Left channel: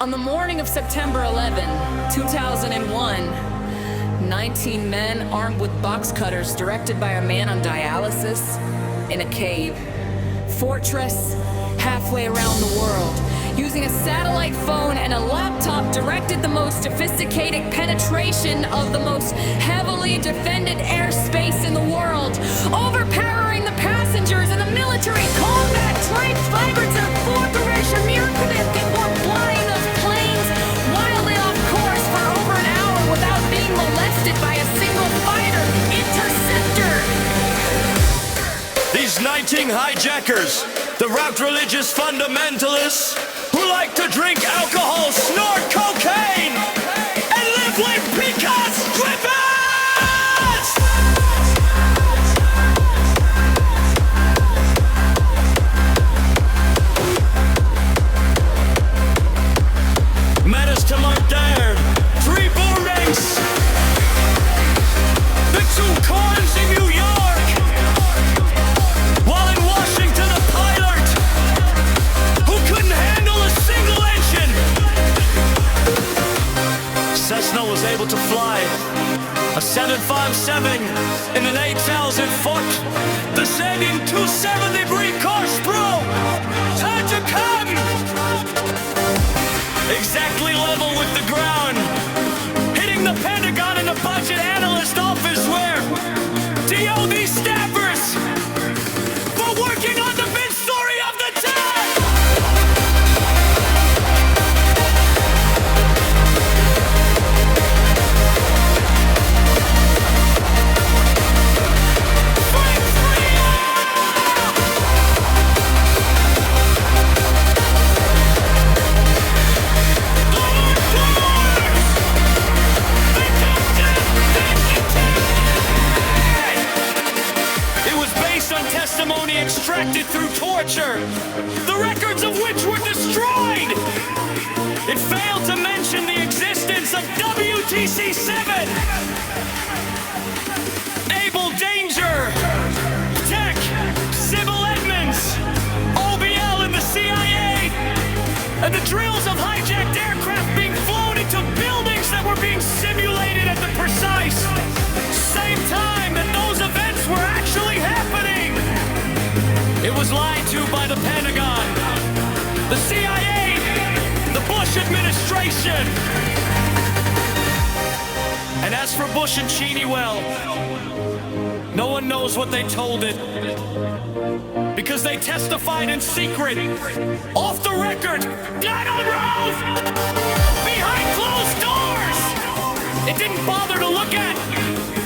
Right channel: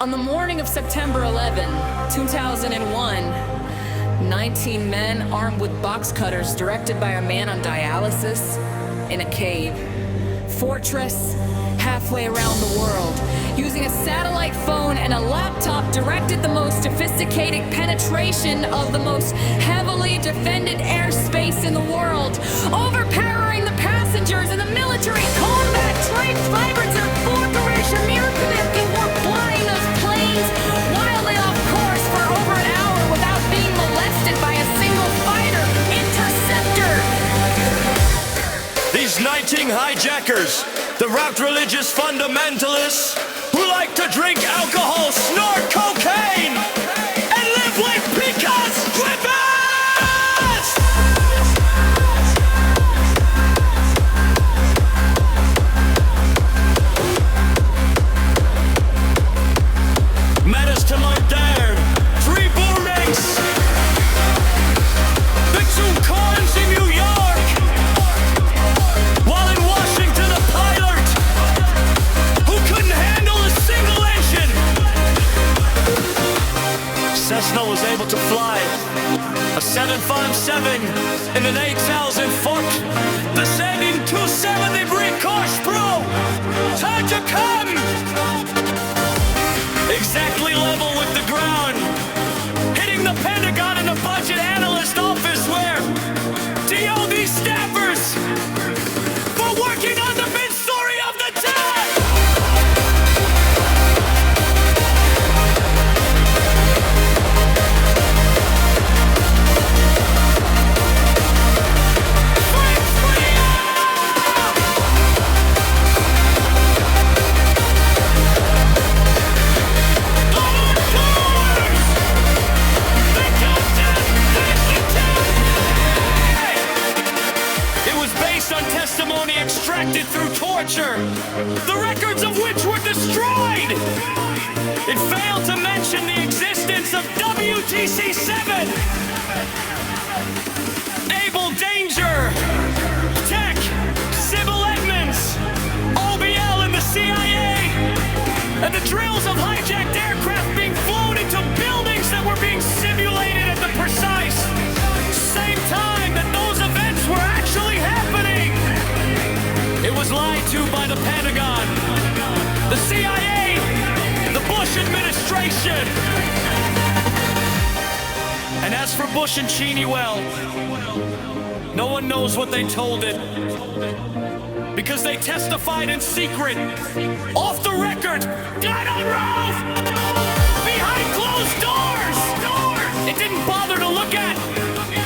On the morning of September 11, 2001, 19 men armed with box cutters directed by a man on dialysis in a cave, fortress halfway around the world, using a satellite phone and a laptop directed the most sophisticated penetration of the most heavily defended airspace in the world, overpowering the passengers in the military combat trained fibers of Forkerish American were flying those planes wildly off course for over an hour without being molested by a single fighter interceptor. These 19 hijackers, the route religious fundamentalists who like to drink alcohol, snort cocaine, and live with picas strippers! Menace to modern, 3 buildings, the 2 cars in New York, while in Washington a pilot who couldn't handle a single engine. Cessna was able to fly a 757 in an 8,000-foot descending 270-degree course, bro. Time to come! Exactly level with the ground, hitting the Pentagon and the budget analyst office where DOD staffers were working on the big story of the day. On testimony extracted through torture, the records of which were destroyed. It failed to mention the existence of WTC-7, Able Danger, Tech, Sybil Edmonds, OBL and the CIA, and the drills of hijacked aircraft being flown into buildings that were being simulated at the precise same time that those events were actually happening. It was lied to by the Pentagon, the CIA, the Bush administration. And as for Bush and Cheney, well, no one knows what they told it, because they testified in secret, off the record, not on oath, behind closed doors. It didn't bother to look at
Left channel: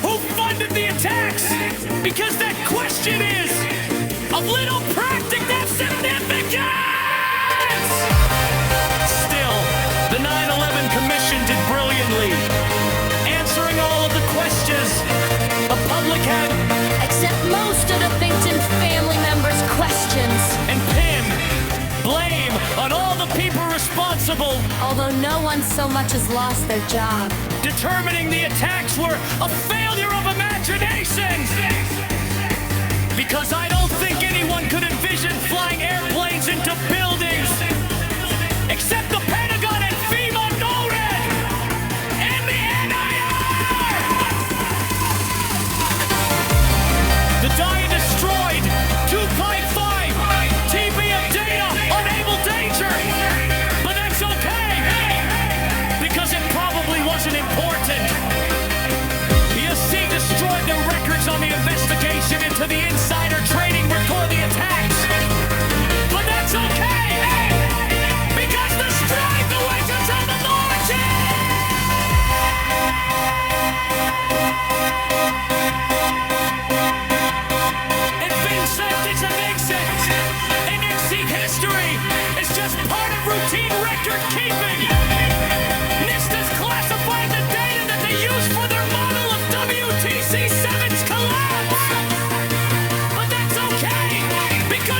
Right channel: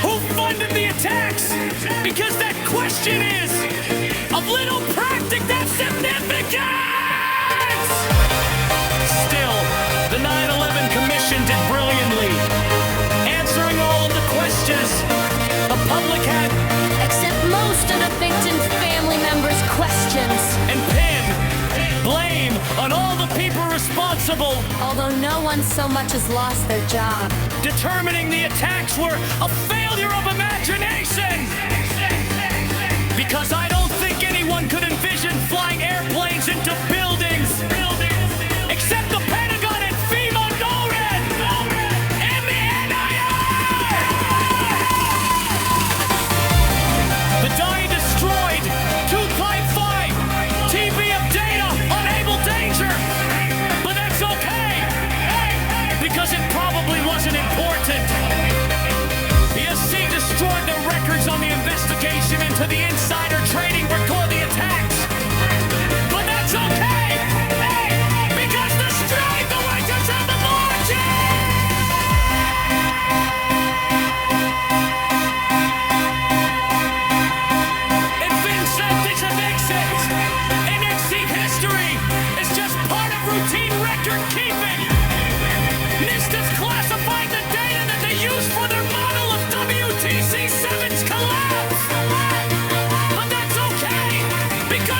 who funded the attacks, because that question is of little practical significance! Still, the 9/11 Commission did brilliantly, answering all of the questions the public had, except most of the victim family members' questions, and pin blame on all the people responsible, although no one so much as lost their job, determining the attacks were a failure of imagination. Because I don't think anyone could envision flying airplanes into buildings except the Pentagon and FEMA, NORAD, and the NIR! The DIA destroyed 2.5 TB of data on Able Danger, but that's okay, because it probably wasn't important. ESC destroyed the records on the investigation into the insider trading before the attacks. But that's okay, because the strike awaits until the margin! And Vincent, it's a Vincent! NXT history is just part of routine record keeping! NIST's classified the data that they use for their model of WTC-7's collapse! But that's okay, because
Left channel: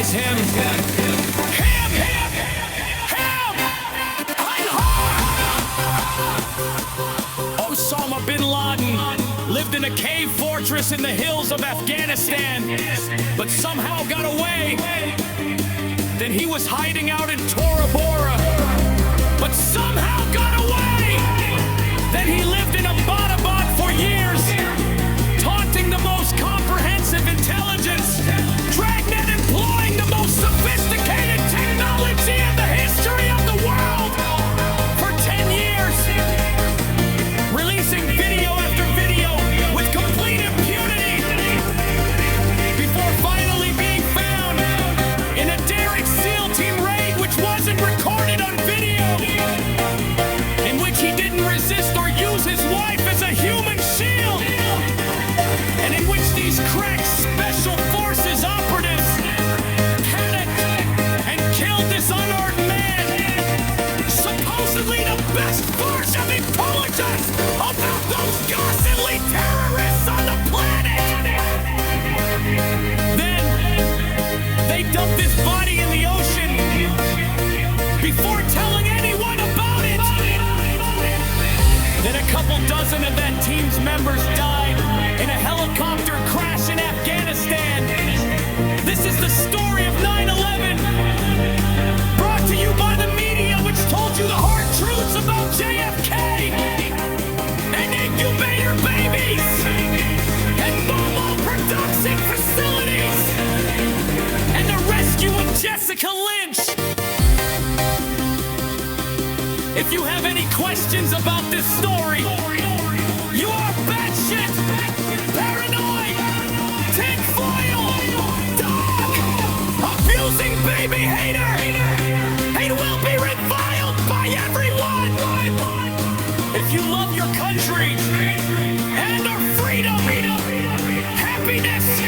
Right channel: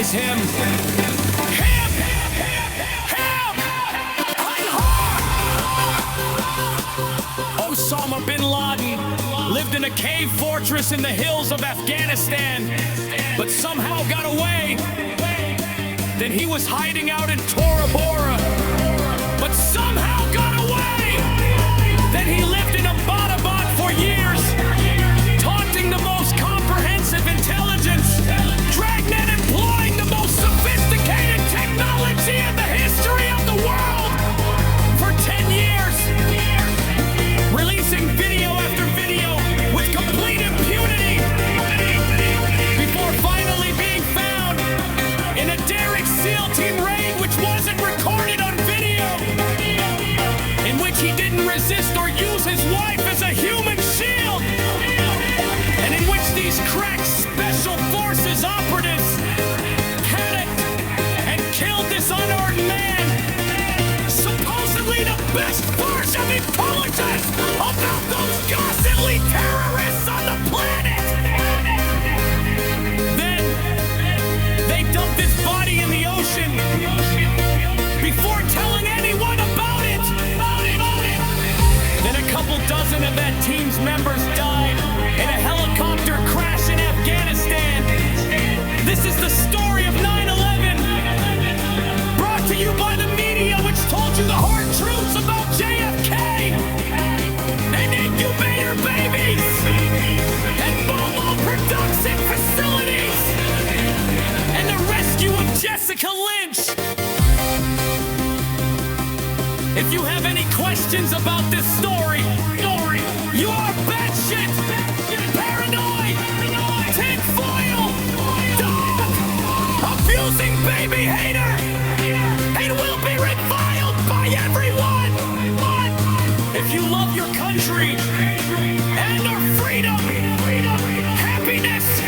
guys, him. Osama bin Laden lived in a cave fortress in the hills of Afghanistan, but somehow got away. Then he was hiding out in Tora Bora, but somehow got away. Then he lived in Abbottabad for years, taunting the most comprehensive intelligence, dragnet employing the most sophisticated technology in the history of the world for 10 years, releasing video after video with complete impunity before finally being found in a Derrick SEAL Team raid which wasn't recorded on video, in which he didn't resist or use his wife as a human shield, and in which these crack special forces operatives panicked and killed this unarmed man, supposedly the best force of intelligence about those ghastly terrorists on the planet. Then they dumped his body in the ocean before telling anyone about it. Then a couple dozen of that team's members died in a helicopter crash in Afghanistan. This is the story of 9/11, brought to you by the media, which told you the hard truths about JFK and incubator babies and Momo production facilities and the rescue of Jessica Lynch. If you have any questions about this story, you are batshit, paranoid, tinfoil, dog, abusing baby hater, and will be reviled by everyone. If you love your country and our freedom, happiness,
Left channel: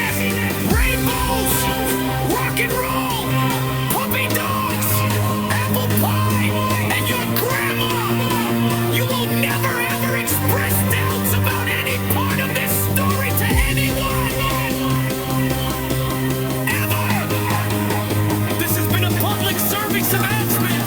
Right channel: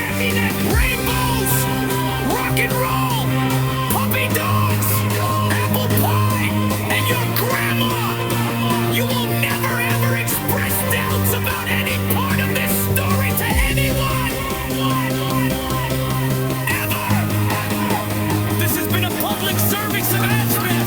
rainbows, rock and roll, puppy dogs, apple pie, and your grandma, you will never ever express doubts about any part of this story to anyone. Ever. This has been a public service announcement